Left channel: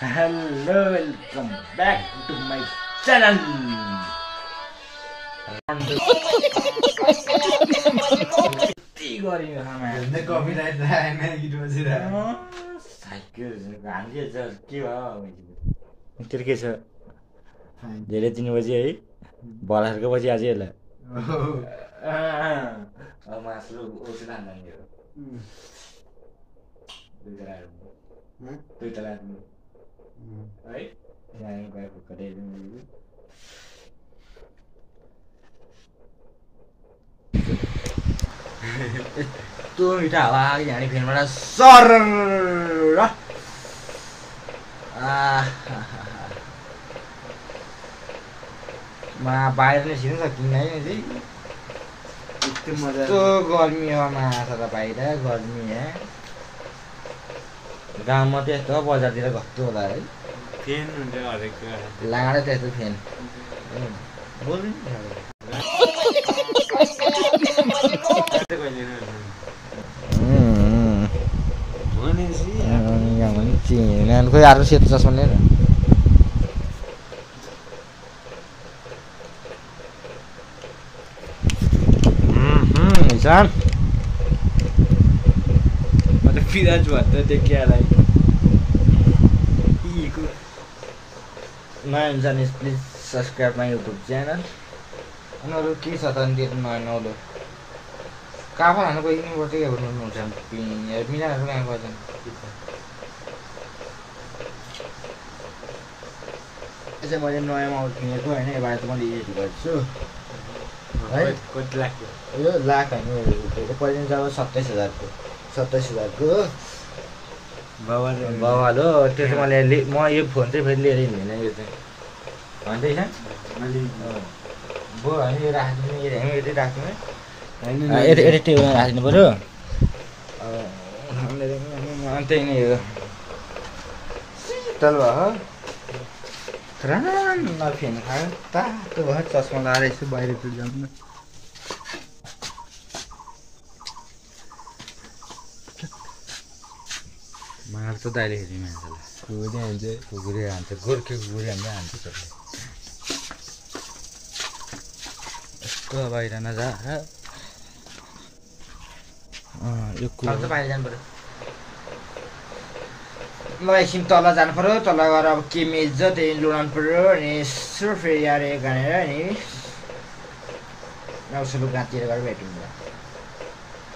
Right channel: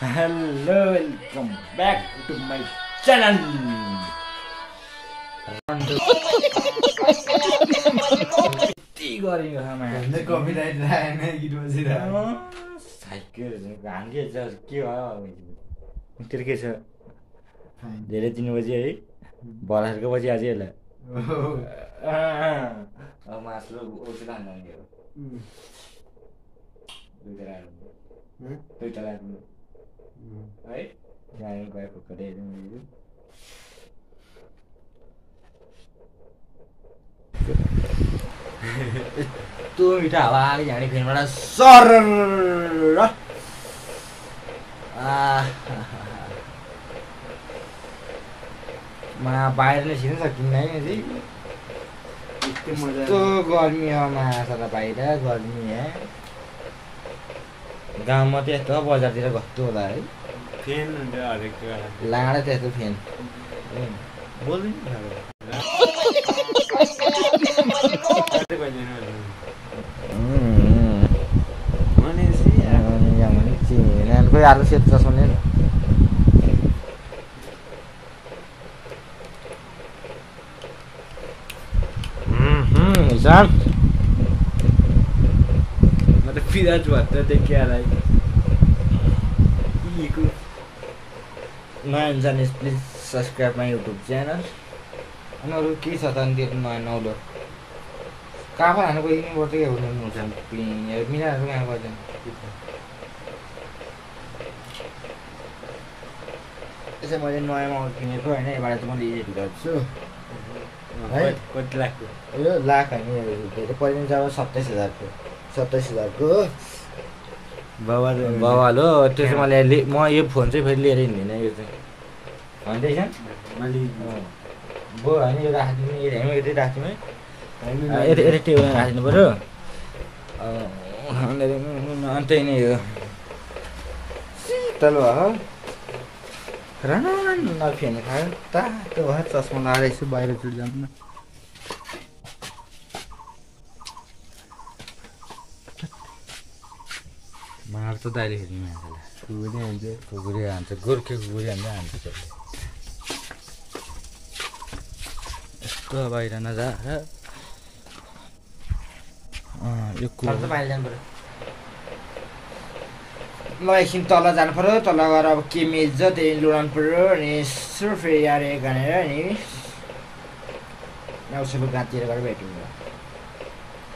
Hello, welcome back to my channel. धेरै दिन बजी है बलारको पछि आज यसलाई अब मासु ओछुना नानीहरु दुईटा लाग्नु है यहाँ गएको कतै यस्तो मिठो हावा आयो यहाँ फेनबाट सर बाहिर नै छिर्न सकिन्न है यस्तो गर्मी हो माछा त बाहिर गर्मी है गाउँमा त यस्तो बजारतिर घट्यो होला है फेन हुन्छ हरेक लाडा त्यस्तो फेन बोल्नु नि खोइ अर्को सेतो चस्मा नै हिसाब म त फिराज भट्ट देखिहालाई नयाँ जाने please subscribe my YouTube channel अनि अरू के छ त अनि त्यो नयाँ नौलो काफा हाल्नु गइदिनु पर्छ क्या हुनुहुन्छ मिनाहरू कहाँ गएछन् यसो मैले नयाँ माउ किनेको होइन यबाट चाहिँ मैले एडिट गर्छु है कति लाग्यो यो लाख होइन पहिला जब 27,000को बवाल हो त्यो चाहिँ मैले म यो फोन चाहिँ फेरि लिएर हिँड्दैन यो चाहिँ भन्दैछ बो होइन यो राखिदिनु यतै राख्दिनु है यतै टेबलमा राखिदिनु पऱ्यो अनि त्यही नै हो शीतल भयो रान्न फेन खायो तातो भयो चस्मा लगाएर यसो बाहिरतिर जानु मार्छ दाइले हेरि मान्छेलाई कुकुरी हान्छ गोर्खे कुकुरी हान्छ यस्तो बाहिर नजाएर यो कुकुर बाहिर जानु पऱ्यो ल एकछिन तल जानु पऱ्यो तल गएर अब के मेज छ त्यही लुडाउनु पऱ्यो अनि यसो फेरि आएर गनेर अनि औषध गाँतिर गएर भेट्यौँ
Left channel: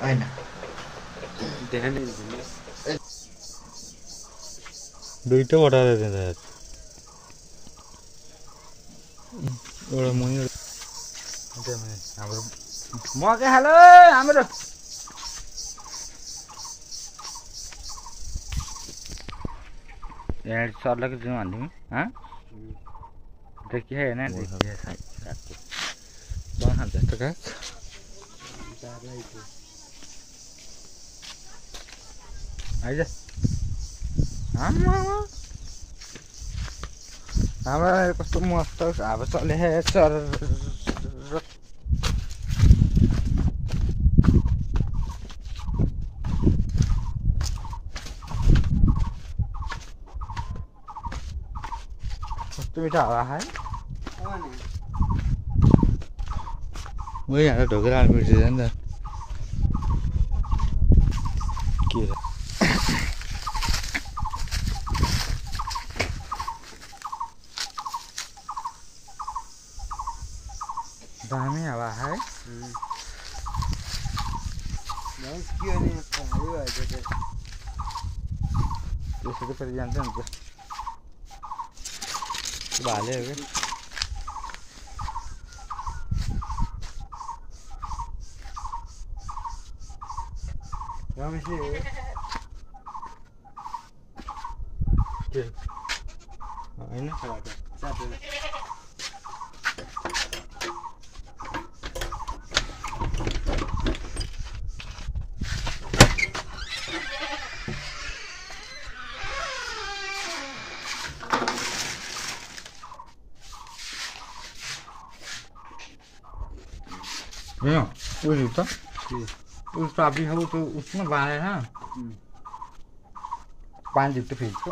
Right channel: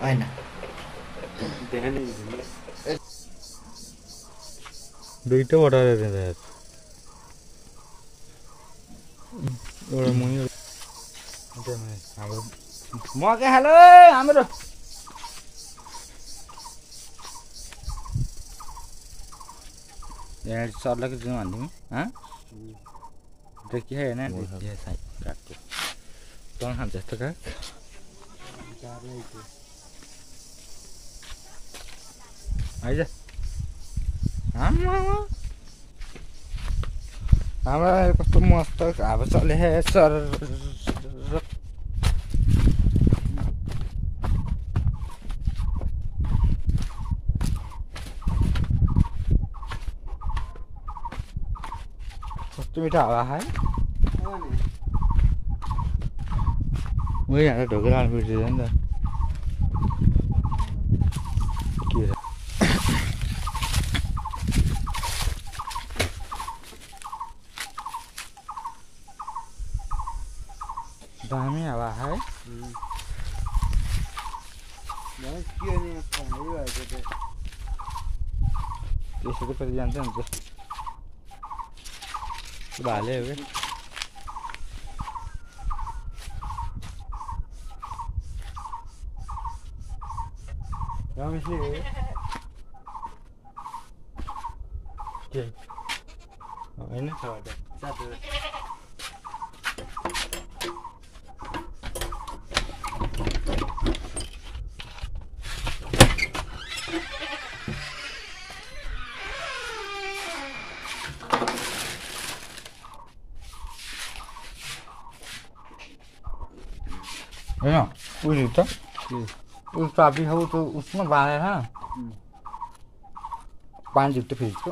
होइन दुईटा बटाएर दिँदा एउटा मुनि हाम्रो मकै हालो हाम्रो यहाँ सर्लाको जाउँ हाल्नु देखि होइन खान्छ यस्तो का आइज हाम्रो कस्तो मस्त हावा चले सर कस्तो मिठो हावा है वही यहाँ ढोकेर हाल्नु बिर्सिन्छ नि त के दामी हावा है त्यसरी पनि जान्छ नि त भाले हो क्या होइन होइन उयो त उस चाबी हो तो उसमें बांधा था 5 जिप्टो फ्रिज को